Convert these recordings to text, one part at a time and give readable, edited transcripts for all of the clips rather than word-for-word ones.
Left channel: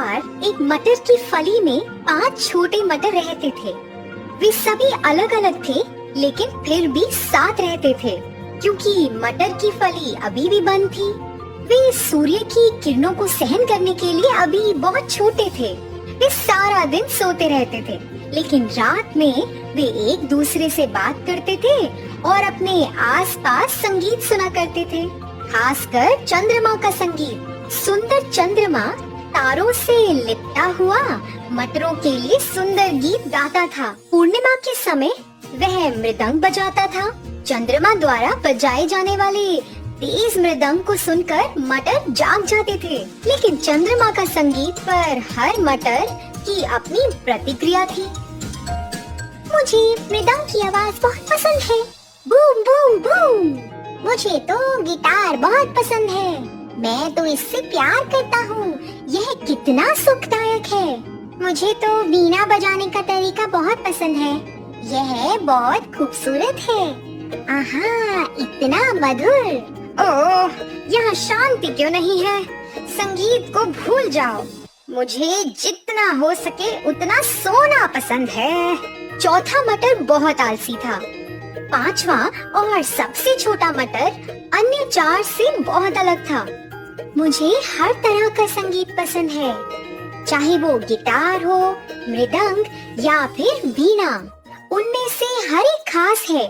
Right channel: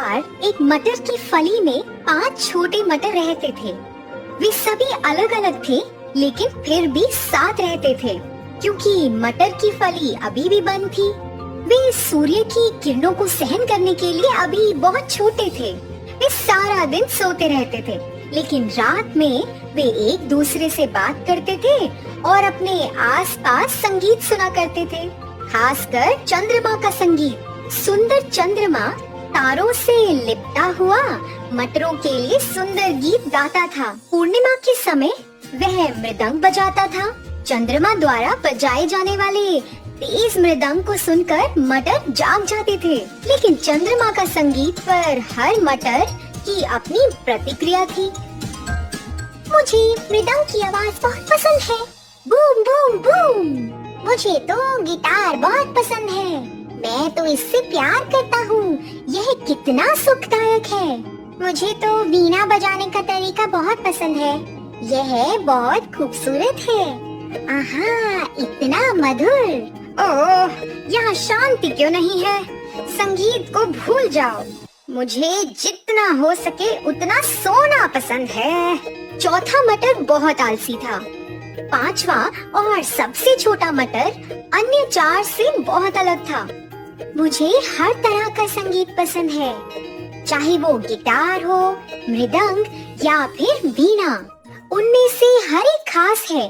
बार एक मटर की फली में 5 छोटे मटर रहते थे। वे सभी अलग अलग थे, लेकिन फिर भी साथ रहते थे, क्योंकि मटर की फली अभी भी बंद थी। वे सूर्य की किरणों को सहन करने के लिए अभी बहुत छोटे थे। वे सारा दिन सोते रहते थे, लेकिन रात में वे एक दूसरे से बात करते थे और अपने आसपास संगीत सुना करते थे, खासकर चंद्रमा का संगीत। सुंदर चंद्रमा तारों से लिपटा हुआ मटरों के लिए सुंदर गीत गाता था। पूर्णिमा के समय वह मृदंग बजाता था। चंद्रमा द्वारा बजाए जाने वाले तेज मृदंग को सुनकर मटर जाग जाते थे, लेकिन चंद्रमा का संगीत पर हर मटर की अपनी प्रतिक्रिया थी। मुझे मृदंग की आवाज बहुत पसंद है, बूम बूम बूम। मुझे तो गिटार बहुत पसंद है, मैं तो इससे प्यार करता हूँ, यह कितना सुखदायक है। मुझे तो वीणा बजाने का तरीका बहुत पसंद है, यह बहुत खूबसूरत है। आहा, इतना मधुर। ओह, यहाँ शांति क्यों नहीं है? संगीत को भूल जाओ। मुझे जितना हो सके उतना सोना पसंद है। चौथा मटर बहुत आलसी था। पांचवा और सबसे छोटा मटर अन्य 4 से बहुत अलग था। मुझे हर तरह का संगीत पसंद है, चाहे वो गिटार हो, मृदंग या फिर वीणा। उनमें से हर एक खास है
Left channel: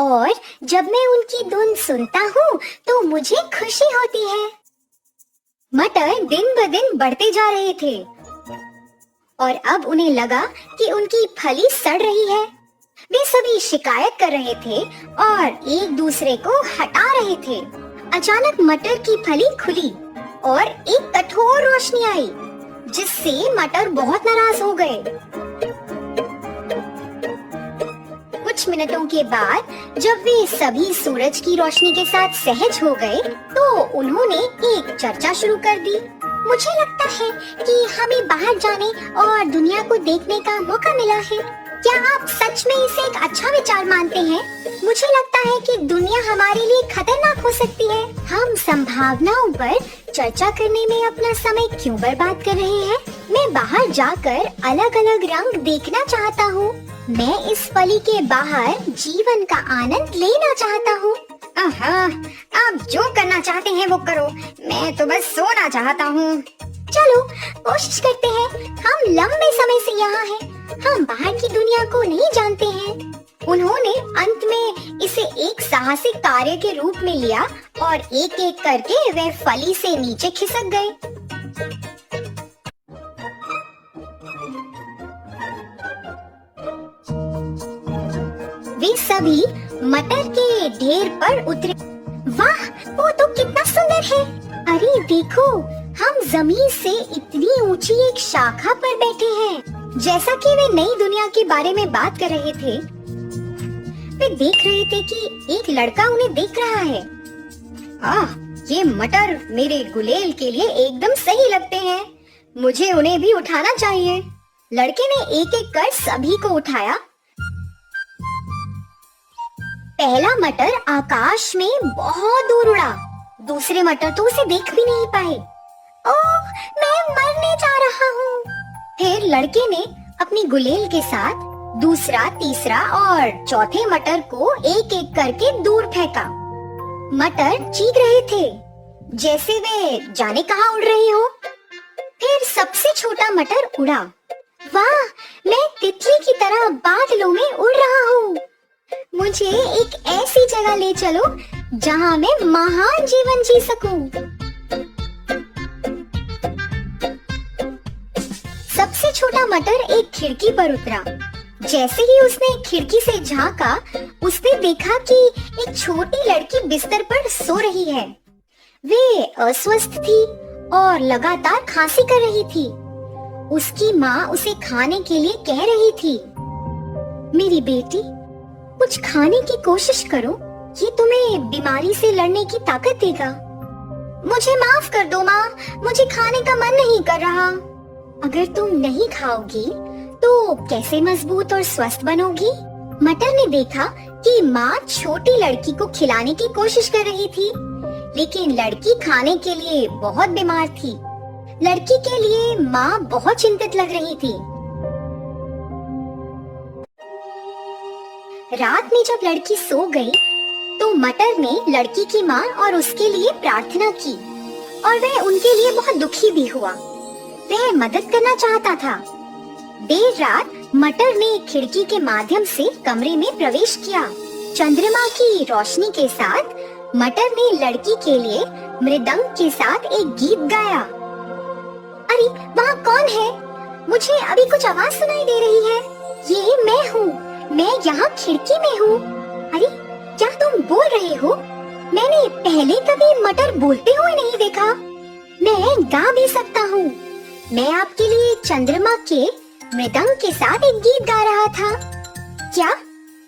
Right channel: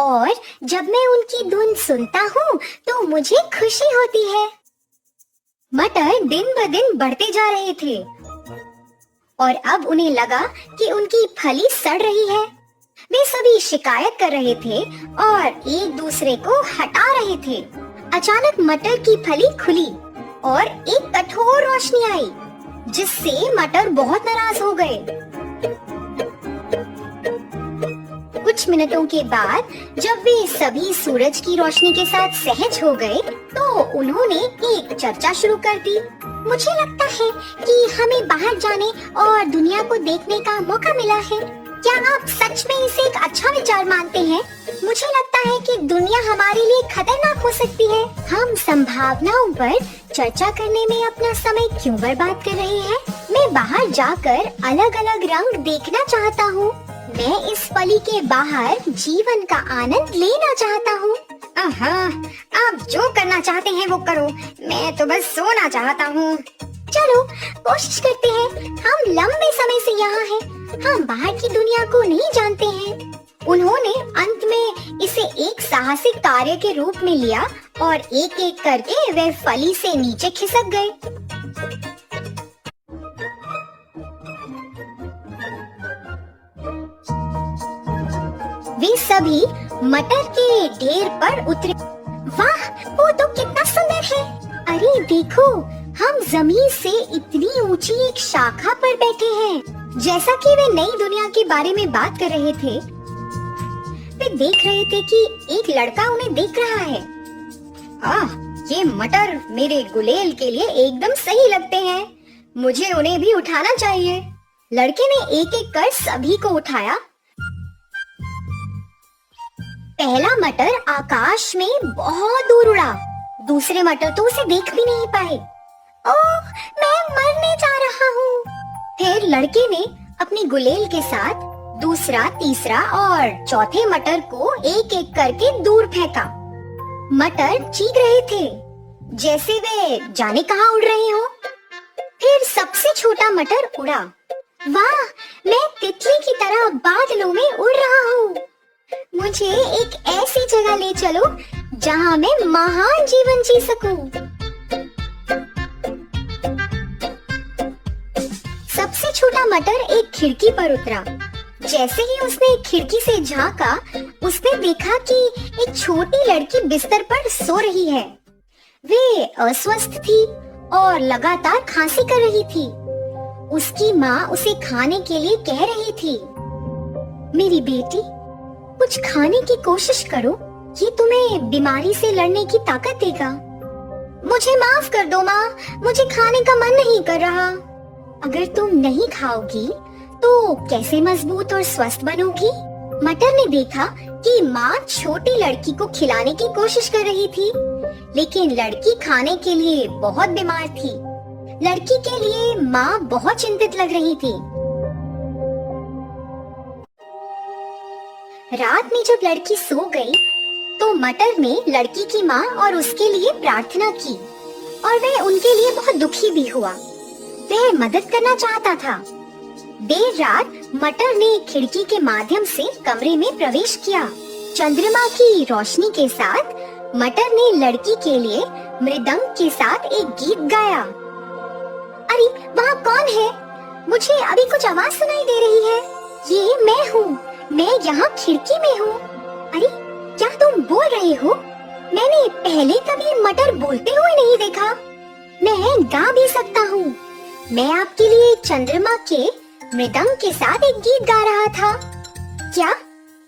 और जब मैं उनकी धुन सुनता हूँ तो मुझे खुशी होती है। मटर दिन ब दिन बढ़ते जा रहे थे और अब उन्हें लगा कि उनकी फली सड़ रही है। वे सभी शिकायत कर रहे थे और एक दूसरे को हटा रहे थे। अचानक मटर की फली खुली और एक कठोर रोशनी आई, जिससे मटर बहुत नाराज हो गए। कुछ मिनटों के बाद जब वे सभी सूरज की रोशनी के साथ सहज हो गए, तो उन्होंने एक चर्चा शुरू कर दी। मुझे लगता है कि हमें बाहर जाने और दुनिया को देखने का मौका मिला है। क्या आप सच में इसे एक अच्छा विचार मानते हैं? मुझे लगता है कि दुनिया हमारे लिए खतरनाक हो सकती है। हम संभावनाओं पर चर्चा करने में अपना समय क्यों बर्बाद कर रहे हैं? मैं बाहर जाकर अलग अलग रंग देखना चाहता हूँ। मैं इस फली के बाहर जीवन का आनंद लेना चाहता हूँ। आहा, आप जो करना चाहते हैं वो करो, मैं तो बस सोना चाहता हूँ। चलो कोशिश करते हैं। हम लंबे समय से यहाँ हैं, हम बाहर की दुनिया को नहीं जानते हैं। उन्होंने अंत में इसे एक साहसिक कार्य के रूप में लिया और एक एक करके वे फली से नीचे खिसक गए। वे सभी मटर के ढेर पर उतरे। वाह, वो तो कितना सुंदर है। अरे देखो, हम जमीन से इतनी ऊंची एक शाखा पर बैठे हैं। जैसा कि वे नई दुनिया के बारे में बात कर रहे थे, वे देख रहे थे कि एक लड़का उन्हें देख रहा है। ये मटर मेरे गुलेल के लिए एकदम सही लगते हैं, मुझे उन्हें भी उठाना चाहिए। लड़के ने एक एक कर सभी को उठाया। पहला मटर आकाश में बहुत दूर उड़ा, दूसरे मटर तो उसे देख भी नहीं पाए। ओह, मैं मरने जा रहा हूँ। फिर लड़के ने अपनी गुलेल के साथ दूसरा, तीसरा और चौथे मटर को एक एक करके दूर फेंका। मटर चीख रहे थे, जैसे वे जाने कहाँ उड़ रहे हो। फिर सबसे छोटा मटर उड़ा। वाह, मैं तितली की तरह बादलों में उड़ रहा हूँ। मुझे एक ऐसी जगह ले चलो जहाँ मैं महान जीवन जी सकूं। सबसे छोटा मटर एक खिड़की पर उतरा। जैसे ही उसने खिड़की से झांका, उसने देखा कि एक छोटी लड़की बिस्तर पर सो रही है। वे अस्वस्थ थी और लगातार खांसी कर रही थी। उसकी माँ उसे खाने के लिए कह रही थी, मेरी बेटी, कुछ खाने की कोशिश करो, ये तुम्हें बीमारी से लड़ने की ताकत देगा। मुझे माफ कर दो माँ, मुझे खाने का मन नहीं कर रहा। अगर तुम नहीं खाओगी तो कैसे मजबूत और स्वस्थ बनोगी? मटर ने देखा कि माँ छोटी लड़की को खिलाने की कोशिश कर रही थी, लेकिन लड़की खाने के लिए बहुत बीमार थी। लड़की के लिए माँ बहुत चिंतित लग रही थी। रात में जब लड़की सो गई, तो मटर ने लड़की की माँ और उसके लिए प्रार्थना की और वह उनके लिए बहुत दुखी भी हुआ। वह मदद करना चाहता था। देर रात मटर ने खिड़की के माध्यम से कमरे में प्रवेश किया। चंद्रमा की रोशनी के साथ मटर ने लड़की के लिए मृदंग के साथ एक गीत गाया। अरे वहाँ कौन है? मुझे अभी कुछ आवाज सुनाई दे रही है। ये मैं हूँ, मैं यहाँ खिड़की में हूँ। अरे क्या तुम बोल रहे हो? मैंने पहले कभी मटर बोलते हुए नहीं देखा। मैं गा भी सकता हूँ। मैं आपके लिए चंद्रमा के मृदंग के साथ एक गीत गा रहा था। क्या?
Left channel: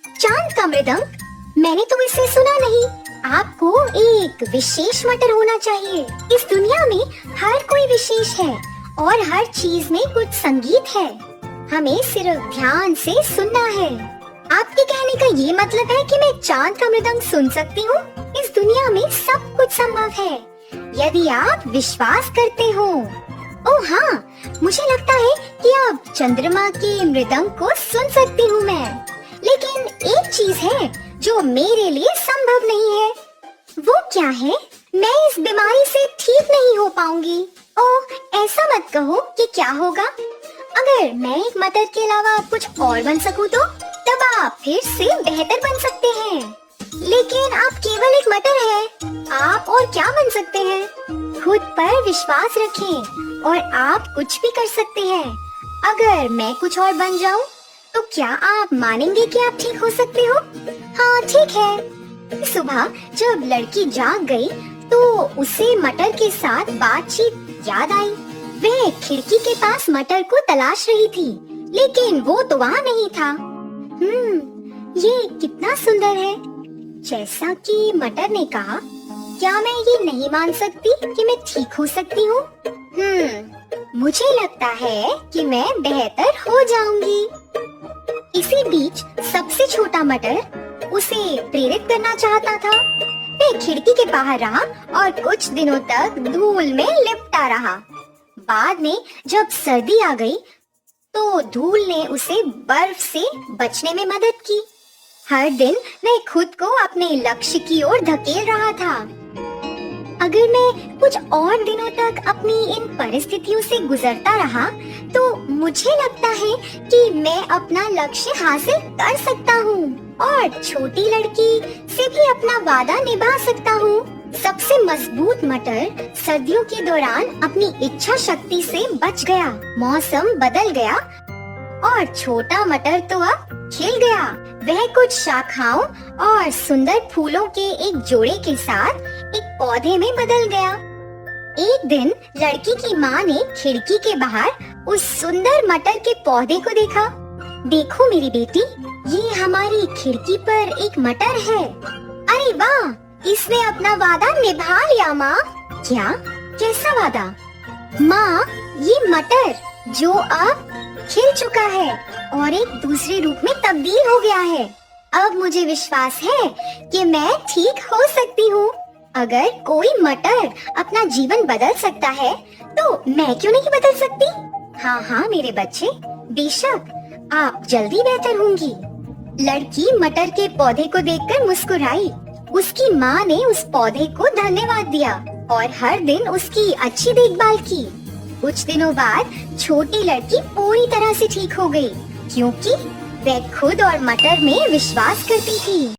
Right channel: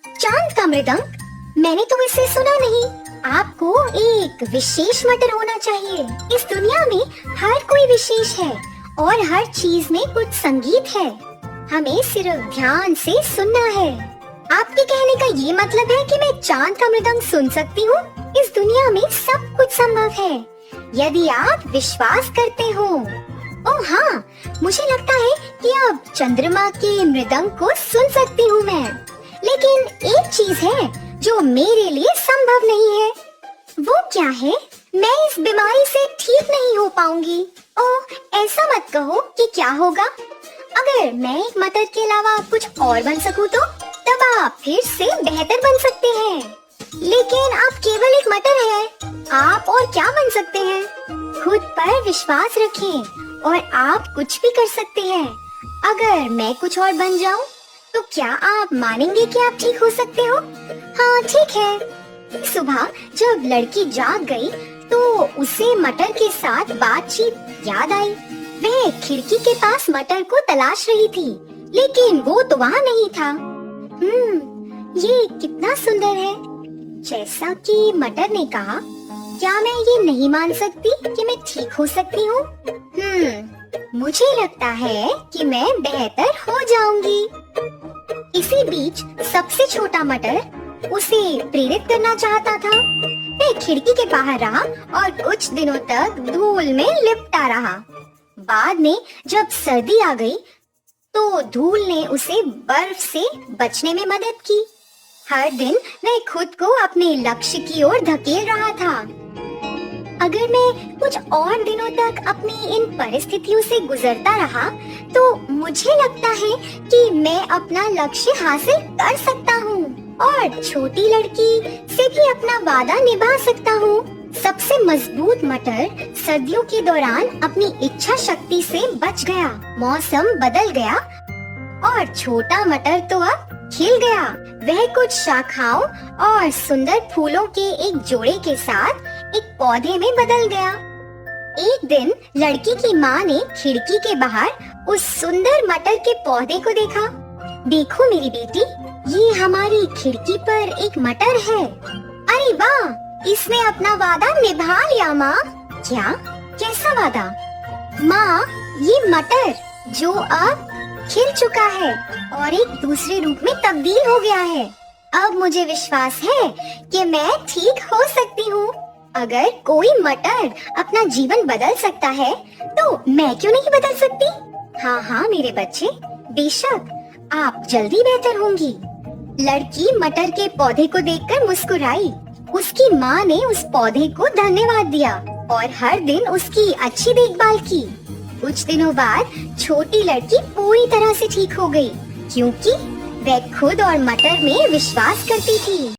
चांद का मृदंग? मैंने तो इसे सुना नहीं। आपको एक विशेष मटर होना चाहिए। इस दुनिया में हर कोई विशेष है और हर चीज में कुछ संगीत है। हमें सिर्फ ध्यान से सुनना है। आपके कहने का ये मतलब है कि मैं चांद का मृदंग सुन सकती हूँ? इस दुनिया में सब कुछ संभव है यदि आप विश्वास करते हो। ओह हाँ, मुझे लगता है कि अब चंद्रमा के मृदंग को सुन सकती हूँ मैं। लेकिन एक चीज है जो मेरे लिए संभव नहीं है। वो क्या है? मैं इस बीमारी से ठीक नहीं हो पाऊंगी। ओह, ऐसा मत कहो कि क्या होगा। अगर मैं एक मटर के अलावा कुछ और बन सकूं तो तब आप फिर से बेहतर बन सकते हैं। लेकिन आप केवल एक मटर हैं। आप और क्या बन सकते हैं? खुद पर विश्वास रखें और आप कुछ भी कर सकते हैं। अगर मैं कुछ और बन जाऊं तो क्या आप मानेंगे कि आप ठीक हो सकते हो? हाँ ठीक है। सुबह जब लड़की जाग गई तो उसे मटर के साथ बातचीत याद आई। वह खिड़की के पास मटर को तलाश रही थी, लेकिन वो तो वहाँ नहीं था। ये कितना सुंदर है। जैसा कि मटर ने कहा, क्या मैं ये नहीं मान सकती कि मैं ठीक हो सकती हूँ? मुझे लगता है कि मैं बेहतर हो जाऊंगी। इसी बीच सबसे छोटा मटर उसे प्रेरित करना चाहता था। वह खिड़की के बाहर रहा और कुछ दिनों तक धूल में लिपटा रहा। बाद में जब सर्दी आ गई तो धूल ने उसे बर्फ से बचने में मदद की। हर दिन वह खुद को अपने लक्ष्य की ओर धकेल रहा था। अगर मैं कुछ और दिनों तक अपनी इन परिस्थितियों से गुजरता रहा तो मुझे लगता है कि मैं अपना लक्ष्य हासिल कर सकता हूँ और छोटी लड़की से भी अपना वादा निभा सकता हूँ। सबसे मजबूत मटर सर्दियों के दौरान अपनी इच्छा शक्ति से बच गया। मौसम बदल गया और छोटा मटर तो अब खिल गया। वह कुछ शाखाओं और सुंदर फूलों के एक जोड़े के साथ एक पौधे में बदल गया। एक दिन लड़की की माँ ने खिड़की के बाहर उस सुंदर मटर के पौधे को देखा। देखो मेरी बेटी, ये हमारी खिड़की पर एक मटर है। अरे वाह, इसने अपना वादा निभा लिया माँ। क्या? कैसा वादा? माँ, ये मटर जो अब खिल चुका है और एक दूसरे रूप में तब्दील हो गया है। अब मुझे विश्वास है कि मैं ठीक हो सकती हूँ। अगर कोई मटर अपना जीवन बदल सकता है तो मैं क्यों नहीं बदल सकती? हाँ हाँ मेरे बच्चे, बेशक आप जल्दी बेहतर होंगी। लड़की मटर के पौधे को देखकर मुस्कुराई। उसकी माँ ने उस पौधे को धन्यवाद दिया और हर दिन उसकी अच्छी देखभाल की। कुछ दिनों बाद छोटी लड़की पूरी तरह से ठीक हो गई, क्योंकि वह खुद और मटर में विश्वास करती थी।